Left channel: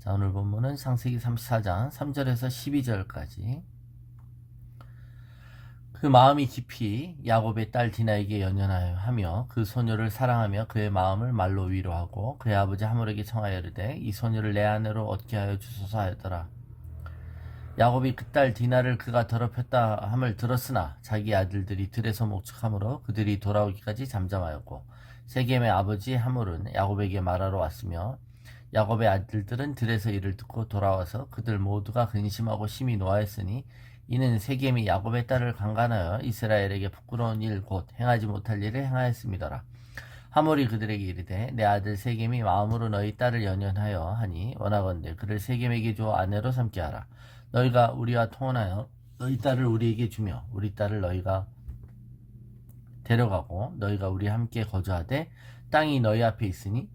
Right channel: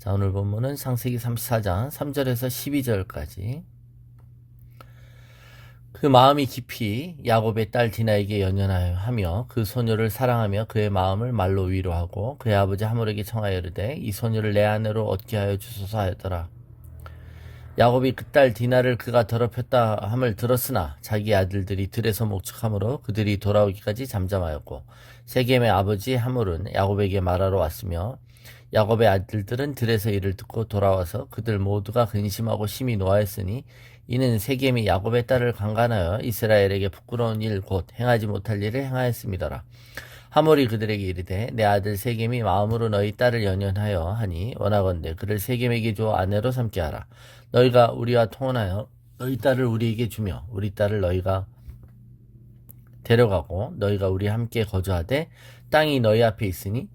자, 오늘 본문은 창세기 34장 3절에서 12절까지. 그 마음이 깊이 야곱의 딸 디나에게 연연하여 그 소녀를 사랑하며 그의 마음을 말로 위로하고 그의 아버지 하몰에게 청하여 이르되 이 소녀를 내 아내로 얻게 하여 주소서 하였더라. 야곱이 그 딸 디나를 그가 더럽혔다 함을 들었으나 자기 아들들이 들에서 목축함으로 그들이 돌아오기까지 잠잠하였고 세겜의 아버지 하몰은 야곱에게 말하러 왔으며 야곱의 아들들은 들에서 이를 듣고 돌아와서 그들 모두가 근심하고 심히 노하였으니 이는 세겜이 야곱의 딸을 강간하여 이스라엘에게 부끄러운 일 곧 행하지 못할 일을 행하였음이더라. 하몰이 그들에게 이르되 내 아들 세겜이 마음으로 너희 딸을 연연하여 하니 원하건대 그를 세겜에게 주어 아내로 삼게 하라. 너희가 우리와 통혼하여 너희 딸을 우리에게 주며 우리 딸을 너희가 데려가고 너희가 우리와 함께 거주하되 땅이 너희 앞에 있으니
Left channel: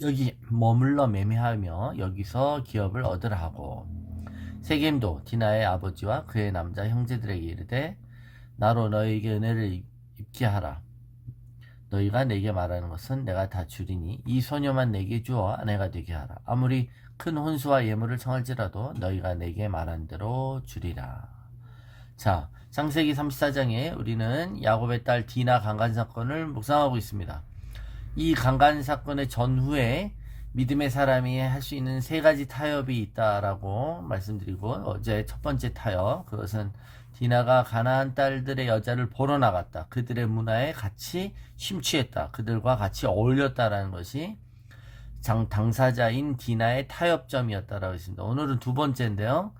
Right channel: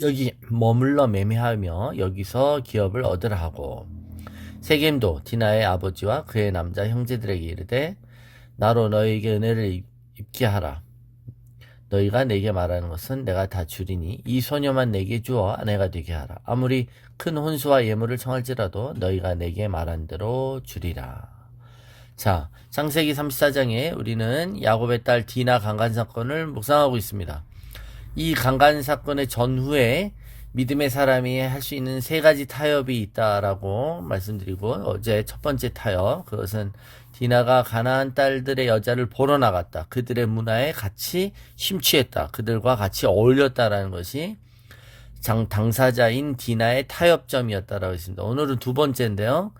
여기 머물러 매매하며 여기서 기업을 얻으라 하고 세겜도 디나의 아버지와 그의 남자 형제들에게 이르되 나로 너희에게 은혜를 입게 하라. 너희가 내게 말하는 것은 내가 다 주리니 이 소녀만 내게 주어 아내가 되게 하라. 아무리 큰 혼수와 예물을 청할지라도 너희가 내게 말한 대로 주리라. 자, 창세기 34장에 우리는 야곱의 딸 디나 강간 사건을 묵상하고 있습니다. 이 강간 사건의 전후에 믿음의 사람이 할 수 있는 세 가지 타협이 있다라고 말씀드리고, 어제 첫 번째 타협, 그것은 디나가 가나안 딸들의 여자를 보러 나갔다. 그들의 문화에 같이 심취했다. 그들과 같이 어울렸다라는 것이 당사자인 디나의 타협점이었다라고 했습니다. 오늘은 두 번째인데요.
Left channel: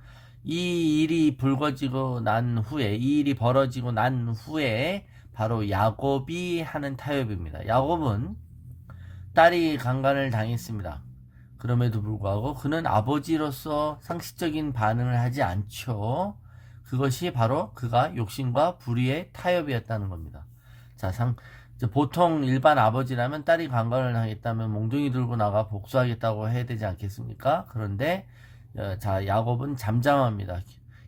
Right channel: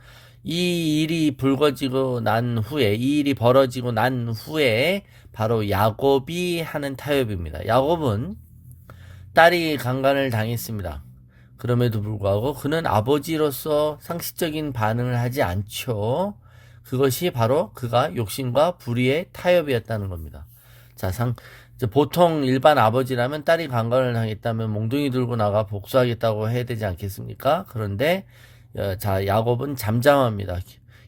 이 일이 이 일이 벌어지고 난 후에 바로 야곱이 하는 타협입니다. 야곱은 딸이 강간을 당했습니다. 그럼에도 불구하고 그는 아버지로서 상식적인 반응을 하지 않죠. 그것이 바로 그가 욕심과 불의의 타협이었다는 겁니다. 자, 보통 일반 아버지라면 딸이 강간을 당했다면 몽둥이 들고 나가 복수하겠다고 해야 되지 않겠습니까? 그런데 자, 야곱은 잠잠합니다.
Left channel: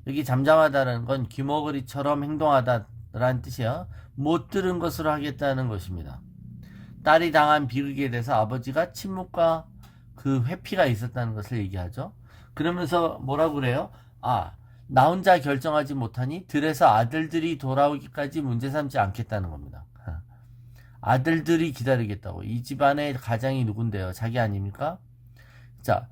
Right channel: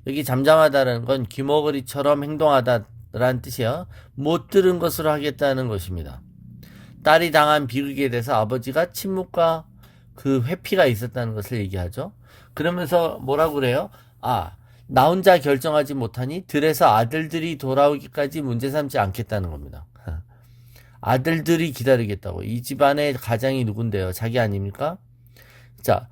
여기 잠잠하다는 건 귀머거리처럼 행동하다라는 뜻이요. 못 들은 것으로 하겠다는 것입니다. 딸이 당한 비극에 대해서 아버지가 침묵과 그 회피가 있었다는 것을 얘기하죠. 그러면서 뭐라고 그래요? 나 혼자 결정하지 못하니 들에서 아들들이 돌아오기까지 문제 삼지 않겠다는 겁니다. 아들들이 기다리겠다고. 이 집안의 가장이 누군데요? 자기 아닙니까? 자,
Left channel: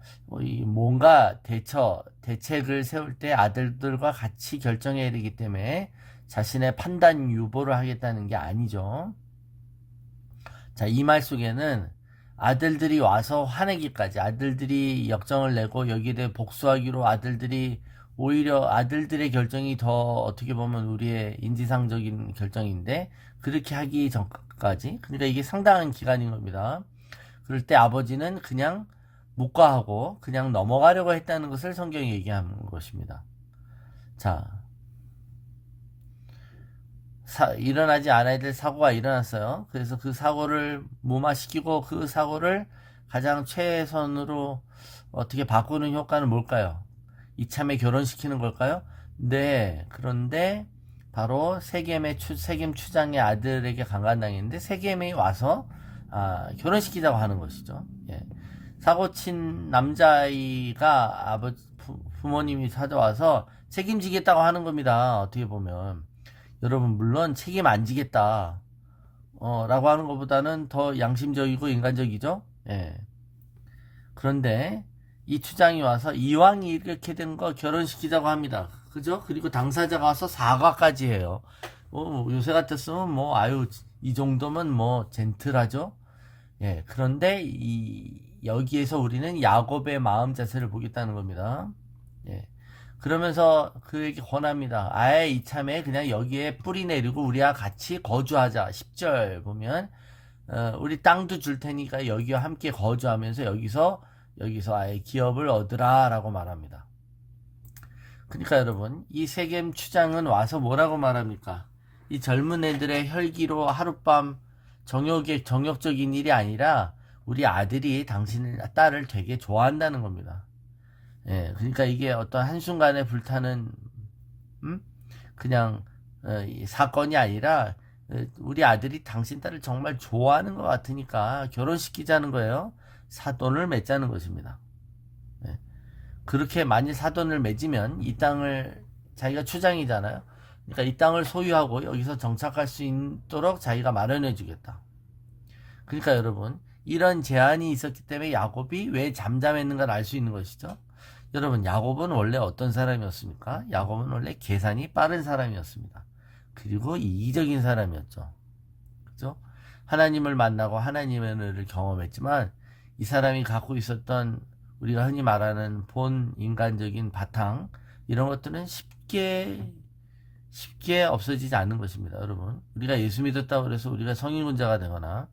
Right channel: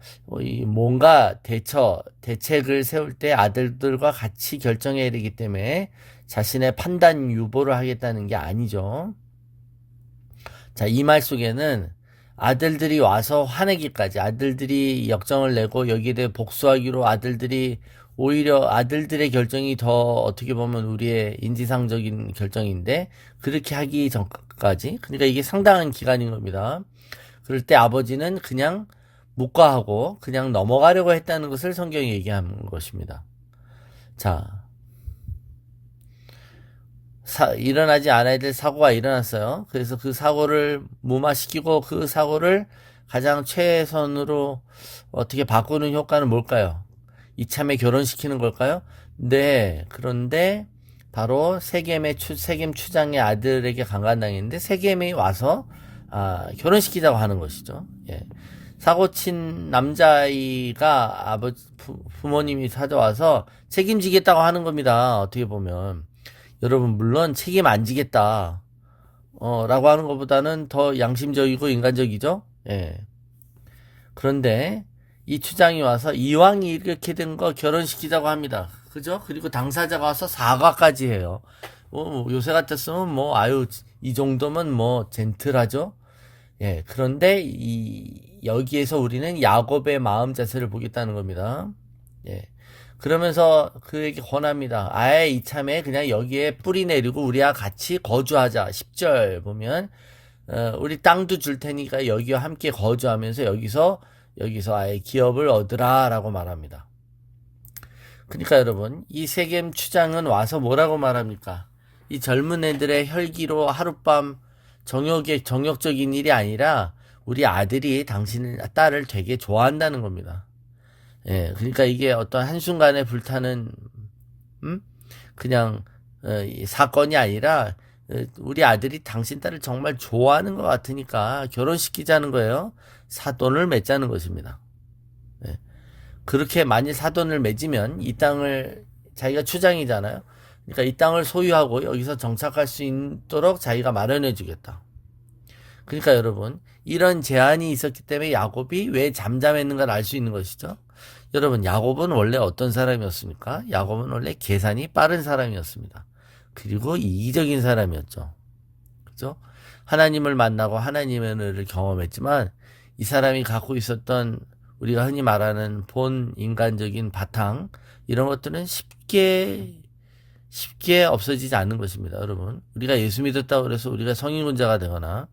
뭔가 대책을 세울 때 아들들과 같이 결정해야 되기 때문에 자신의 판단 유보를 하겠다는 게 아니죠. 자, 이 말 속에는 아들들이 와서 화내기까지, 아들들이 역정을 내고 여기에 대해 복수하기로 오히려 아들들의 결정이 더 어떻게 보면 우리의 인지상적인 결정인데 그렇게 하기 전까지, 그러니까 이게 상당한 기간인 겁니다. 그럴 때 아버지는 그냥 묵과하고 그냥 넘어가려고 했다는 것을 성경이 얘기하는 것입니다. 자, 일어나지 않아야 될 사고가 일어났어요. 그래서 그 사고를 무마시키고 그 사고를 가장 최선으로 어떻게 바꾸는 효과는 뭘까요? 이참에 결혼시키는 걸까요? 네. 그런데 바로 세겜 추장의 아들에게 강간당했는데 세겜이 와서 결혼시키자고 하는 것이죠. 예. 사고친 남자아이가 부모님이 찾아와서 책임지겠다고 하는 겁니다. 어떻게 보면. 여러분, 물론 책임 안 지겠다 라고 하는 것보다는 더 양심적이고 인간적이죠. 예. 그런데 이 추장이 와서 이왕이 이렇게 된 거 결혼시키자고 합니다. 그죠? 그리고 당사자가 와서 사과까지 해요. 요새 같았으면 이 정도면 젠틀하죠. 예. 그런데 여기에서 우리는 야곱의 마음 자세를 보겠다는 겁니다. 예. 그러면서 그에게 권합니다. 아예 이참에 그냥 여기에 뿌리 내리고 우리와 같이 거주하자. 10절 보면 우리 땅도 줄 테니까 여기와 함께 거주하면서 여기서 아예 기업을 얻으라 라고 말합니다. 그러니까 여러분, 이 세겜 추장은 와서 뭐라고 말합니까? 이 젊은 애들의 혈기로 하룻밤 정욕적인 일이 아니라 우리 아들이 당신 딸을 되게 좋아한다는 겁니다. 예, 그러니까 이게 어떤 한순간에 불타는, 그냥, 사건이 아니라, 우리 아들이 당신 딸을 정말 좋아하는 것 같으니까 결혼시키자는 거예요. 사돈을 맺자는 것입니다. 예. 그렇게 만일 사돈을 맺으면 이 땅을 자기가 추장이잖아요. 그러니까 이 땅을 소유하고 여기서 정착할 수 있도록 자기가 마련해 주겠다. 그러니까 여러분, 이런 제한이 있었기 때문에 야곱이 왜 잠잠했는가를 알 수 있는 것이죠. 여러분, 야곱은 원래 어떤 사람이었습니까? 야곱은 원래 계산이 빠른 사람이었습니다. 그리고 이기적인 사람이었죠. 그죠? 하나님을 만나고 하나님의 은혜를 경험했지만 이 사람이 갖고 있었던 우리가 흔히 말하는 본 인간적인 바탕, 이런 것들은 쉽게 없어지지 않는 것입니다. 여러분, 우리가 예수 믿었다고 해서 우리가 성인군자가 되거나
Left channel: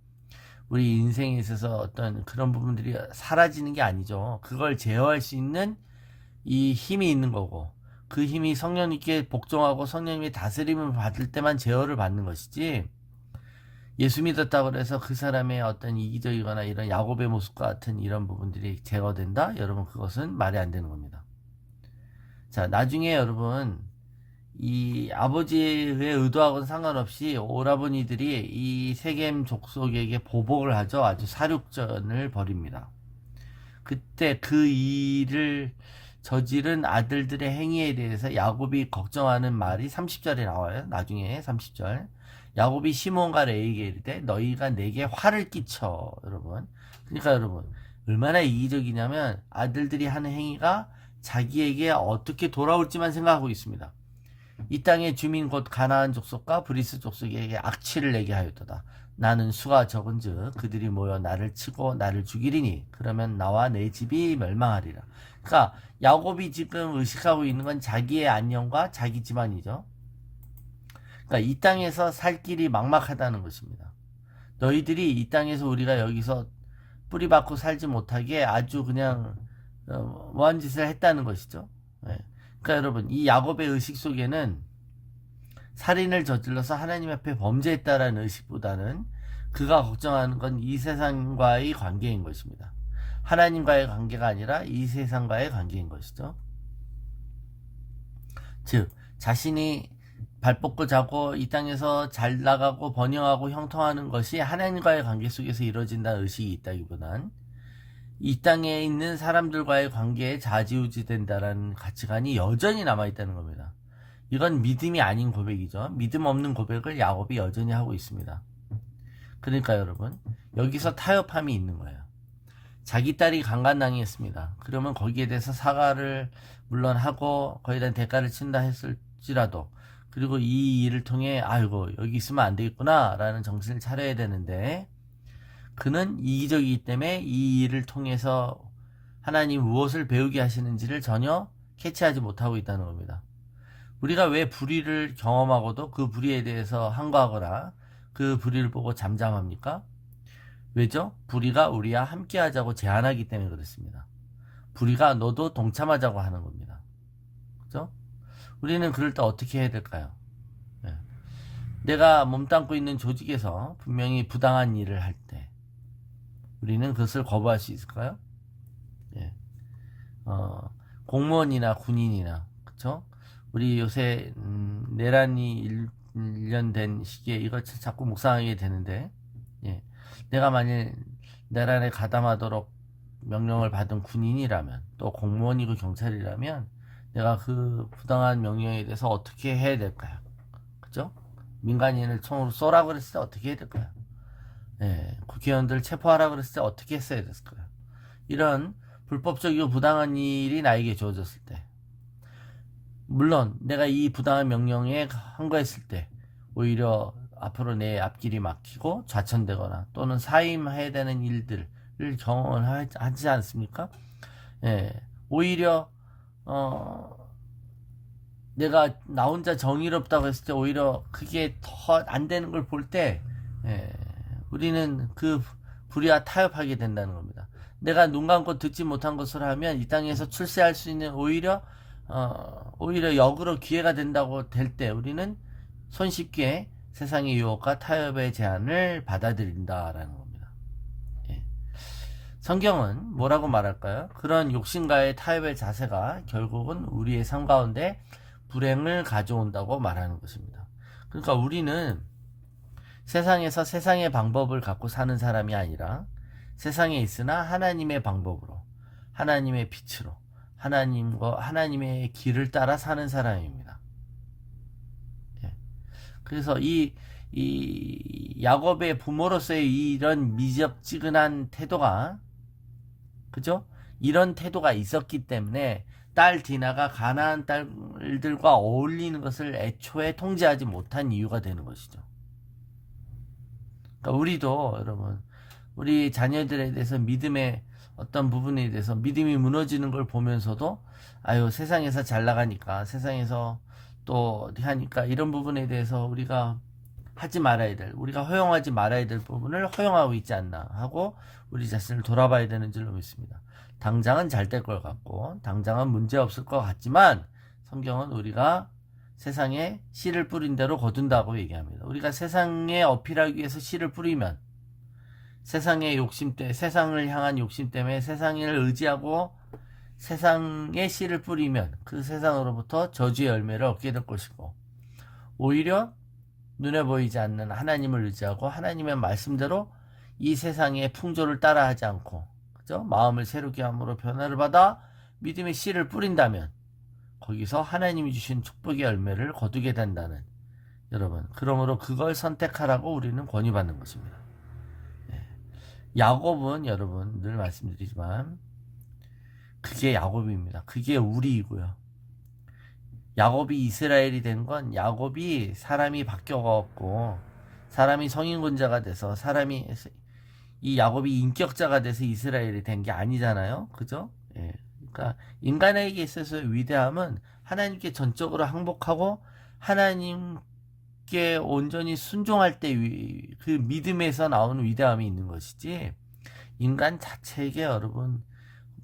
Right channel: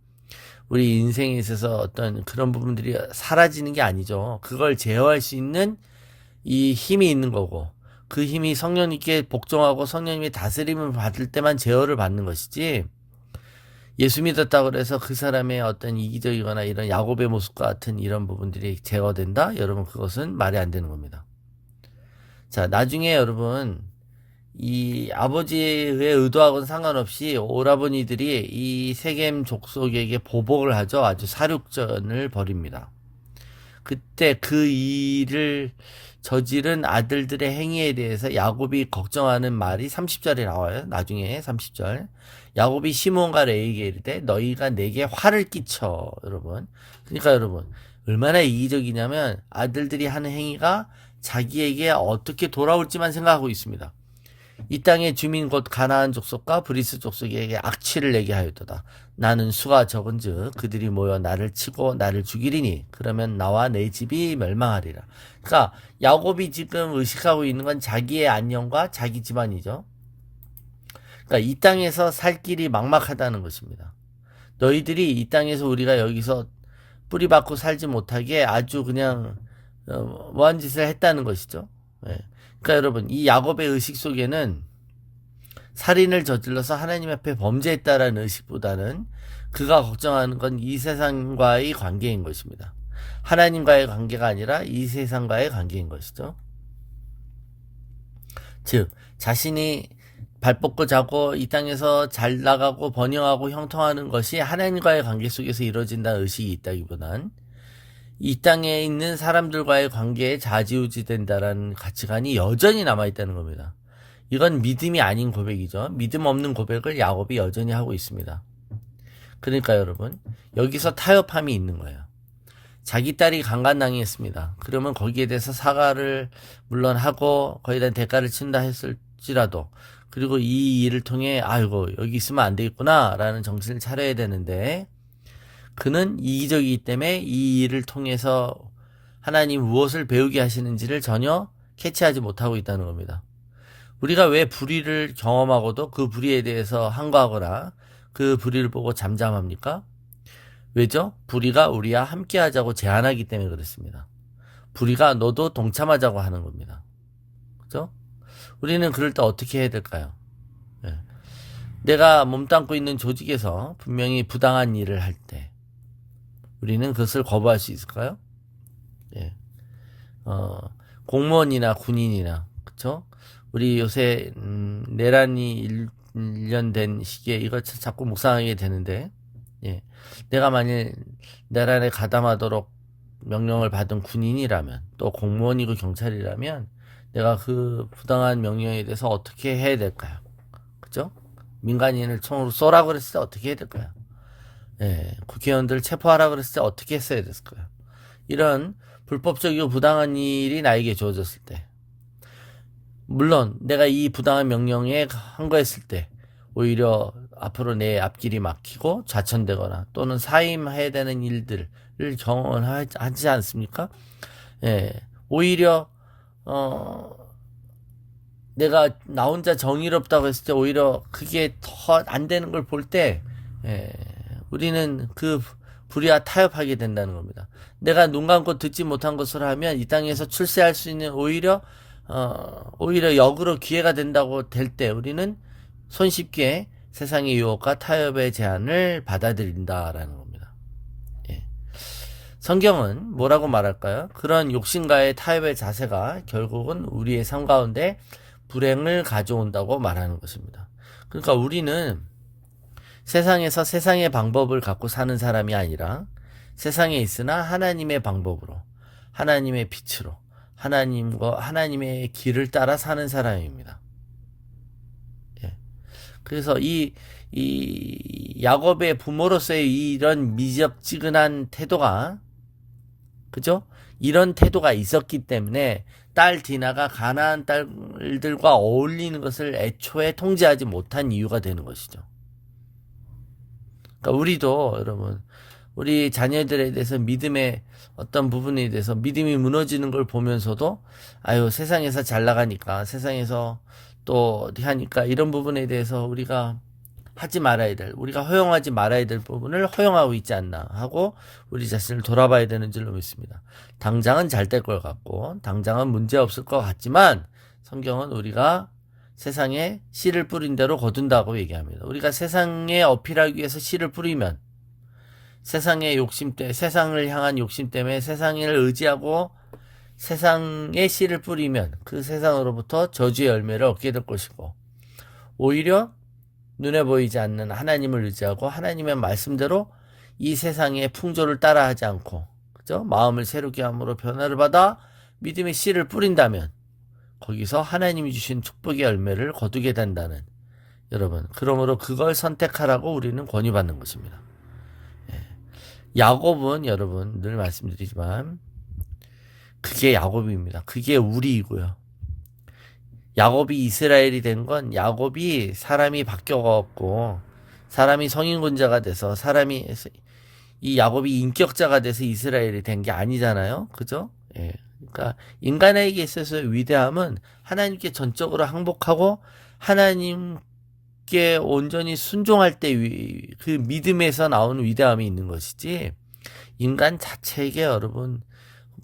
우리 인생에 있어서 어떤 그런 부분들이 사라지는 게 아니죠. 그걸 제어할 수 있는 이 힘이 있는 거고, 그 힘이 성령님께 복종하고 성령님의 다스림을 받을 때만 제어를 받는 것이지, 예수 믿었다고 해서 그 사람의 어떤 이기적이거나 이런 야곱의 모습과 같은 이런 부분들이 제어된다? 여러분, 그것은 말이 안 되는 겁니다. 자, 나중에 여러분, 이 아버지의 의도하고는 상관없이 오라버니들이 이 세겜 족속에게 보복을 하죠. 아주 사륙전을 벌입니다. 그때 그 일을 저지른 아들들의 행위에 대해서 야곱이 걱정하는 말이 30절에 나와요. 나중에 30절. 야곱이 시몬과 레에게 이르되 너희가 내게 화를 끼쳐. 여러분. 그러니까 여러분, 얼마나 이기적이냐면 아들들이 하는 행위가 자기에게 어떻게 돌아올지만 생각하고 있습니다. 이 땅의 주민 곧 가나안 족속과 브리스 족속에게 악취를 내게 하였도다. 나는 수가 적은즉 그들이 모여 나를 치고 나를 죽이리니 그러면 나와 내 집이 멸망하리라. 그러니까 야곱이 지금 의식하고 있는 건 자기의 안녕과 자기 집안이죠. 그러니까 이 땅에서 살 길이 막막하다는 것입니다. 너희들이 이 땅에서 우리가 여기서 뿌리 박고 살지 못하게 아주 그냥 뭐한 짓을 했다는 것이죠. 예. 그러니까 여러분, 이 야곱의 의식 속에는 살인을 저질러서 하나님 앞에 범죄했다라는 의식보다는 그가 걱정하는 건 이 세상과의 관계인 것입니다. 하나님과의 관계가 아니라 이 세상과의 관계인 것이죠. 즉, 자신이 발 뻗고 자고 이 땅에서 잘 나가고 번영하고 형통하는 것이 하나님과의 관계 속에서 이루어진다는 의식이 있다기보단 이 땅에 있는 사람들과의 관계에 좌지우지 된다라는 가치관이 여전히 남아있다는 겁니다. 이건 믿음이 아닌 고백이죠. 믿음 없는 고백을 야곱이 여전히 하고 있습니다. 그러니까 여러분, 여기서 타협함이 있는 거예요. 자기 딸이 강간당했습니다. 그러면 거기에 대해서 사과를 물론 하고 거기에 대한 대가를 친다 했을지라도, 그리고 이 일을 통해 아이고 여기 있으면 안 되겠구나 라는 정신을 차려야 되는데, 그는 이기적이기 때문에 이 일을 통해서 하나님 무엇을 배우게 하시는지를 전혀 캐치하지 못하고 있다는 겁니다. 우리가 왜 불의를 경험하고도 그 불의에 대해서 항거하거나 그 불의를 보고 잠잠합니까? 왜죠? 불의가 우리와 함께 하자고 제안하기 때문에 그렇습니다. 불의가 너도 동참하자고 하는 겁니다. 그죠? 우리는 그럴 때 어떻게 해야 될까요? 네. 내가 몸담고 있는 조직에서 분명히 부당한 일을 할 때 우리는 그것을 거부할 수 있을까요? 예. 공무원이나 군인이나, 그쵸? 우리 요새, 내란이 1년 된 시기에 이걸 자꾸 묵상하게 되는데, 예. 내가 만일 내란에 가담하도록 명령을 받은 군인이라면, 또 공무원이고 경찰이라면, 내가 그 부당한 명령에 대해서 어떻게 해야 될까요? 그죠? 민간인을 총으로 쏘라 그랬을 때 어떻게 해야 될까요? 예, 국회의원들을 체포하라 그랬을 때 어떻게 했어야 됐을까요? 이런 불법적이고 부당한 일이 나에게 주어졌을 때, 물론 내가 이 부당한 명령에 항거했을 때 오히려 앞으로 내 앞길이 막히고 좌천되거나 또는 사임해야 되는 일들을 경험하지 않습니까? 예, 오히려 내가 나 혼자 정의롭다고 했을 때 오히려 그게 더 안 되는 걸 볼 때, 예, 우리는 그 불의와 타협하게 된다는 겁니다. 내가 눈 감고 듣지 못한 것을 하면 이 땅에서 출세할 수 있는 오히려 역으로 기회가 된다고 될 때 우리는 손쉽게 세상의 유혹과 타협의 제안을 받아들인다라는 겁니다. 예. 성경은 뭐라고 말할까요? 그런 욕심과의 타협의 자세가 결국은 우리의 삶 가운데 불행을 가져온다고 말하는 것입니다. 그러니까 우리는 세상에서 세상의 방법을 갖고 사는 사람이 아니라 세상에 있으나 하나님의 방법으로, 하나님의 빛으로, 하나님의 길을 따라 사는 사람입니다. 예. 그래서 이 야곱의 부모로서의 이런 미적지근한 태도가, 그죠? 이런 태도가 있었기 때문에 딸 디나가 가나안 딸들과 어울리는 것을 애초에 통제하지 못한 이유가 되는 것이죠. 그러니까 우리도 여러분, 우리 자녀들에 대해서 믿음의 어떤 부분에 대해서 믿음이 무너지는 걸 보면서도 아유, 세상에서 잘 나가니까, 세상에서 또 어디 하니까, 이런 부분에 대해서 우리가 허용하지 말아야 될 부분을 허용하고 있지 않나 하고 우리 자신을 돌아봐야 되는 줄로 믿습니다. 당장은 잘 될 것 같고 당장은 문제 없을 것 같지만 성경은 우리가 세상에 씨를 뿌린 대로 거둔다고 얘기합니다. 우리가 세상에 어필하기 위해서 씨를 뿌리면, 세상의 세상을 향한 욕심 때문에 세상을 의지하고 세상에 씨를 뿌리면 그 세상으로부터 저주의 열매를 얻게 될 것이고, 오히려 눈에 보이지 않는 하나님을 의지하고 하나님의 말씀대로 이 세상의 풍조를 따라하지 않고, 그죠? 마음을 새롭게 함으로 변화를 받아 믿음의 씨를 뿌린다면 거기서 하나님이 주신 축복의 열매를 거두게 된다는, 여러분, 그러므로 그걸 선택하라고 우리는 권유받는 것입니다. 예. 야곱은 여러분 늘 말씀드리지만 그게 야곱입니다. 그게 우리이고요. 야곱이 이스라엘이 된 건 야곱이 사람이 바뀌어갖고 사람이 성인군자가 돼서 이 야곱이 인격자가 돼서 이스라엘이 된 게 아니잖아요. 그죠? 예. 그러니까 인간에게 있어서 위대함은 하나님께 전적으로 항복하고 하나님께 온전히 순종할 때 그 믿음에서 나오는 위대함이 있는 것이지, 인간 자체에게 여러분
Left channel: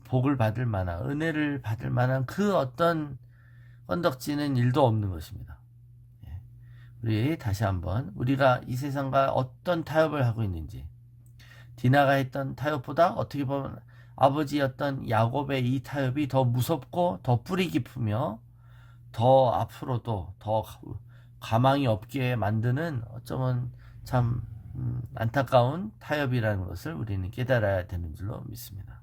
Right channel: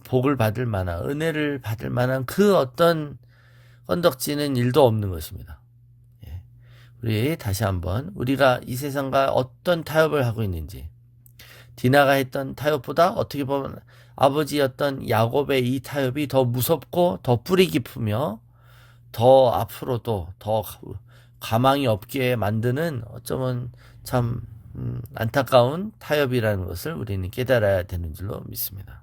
복을 받을 만한, 은혜를 받을 만한 그 어떤 건덕지는 일도 없는 것입니다. 예. 우리 다시 한번 우리가 이 세상과 어떤 타협을 하고 있는지, 디나가 했던 타협보다 어떻게 보면 아버지였던 야곱의 이 타협이 더 무섭고 더 뿌리 깊으며 더 앞으로도 더 가망이 없게 만드는, 어쩌면 참 안타까운 타협이라는 것을 우리는 깨달아야 되는 줄로 믿습니다.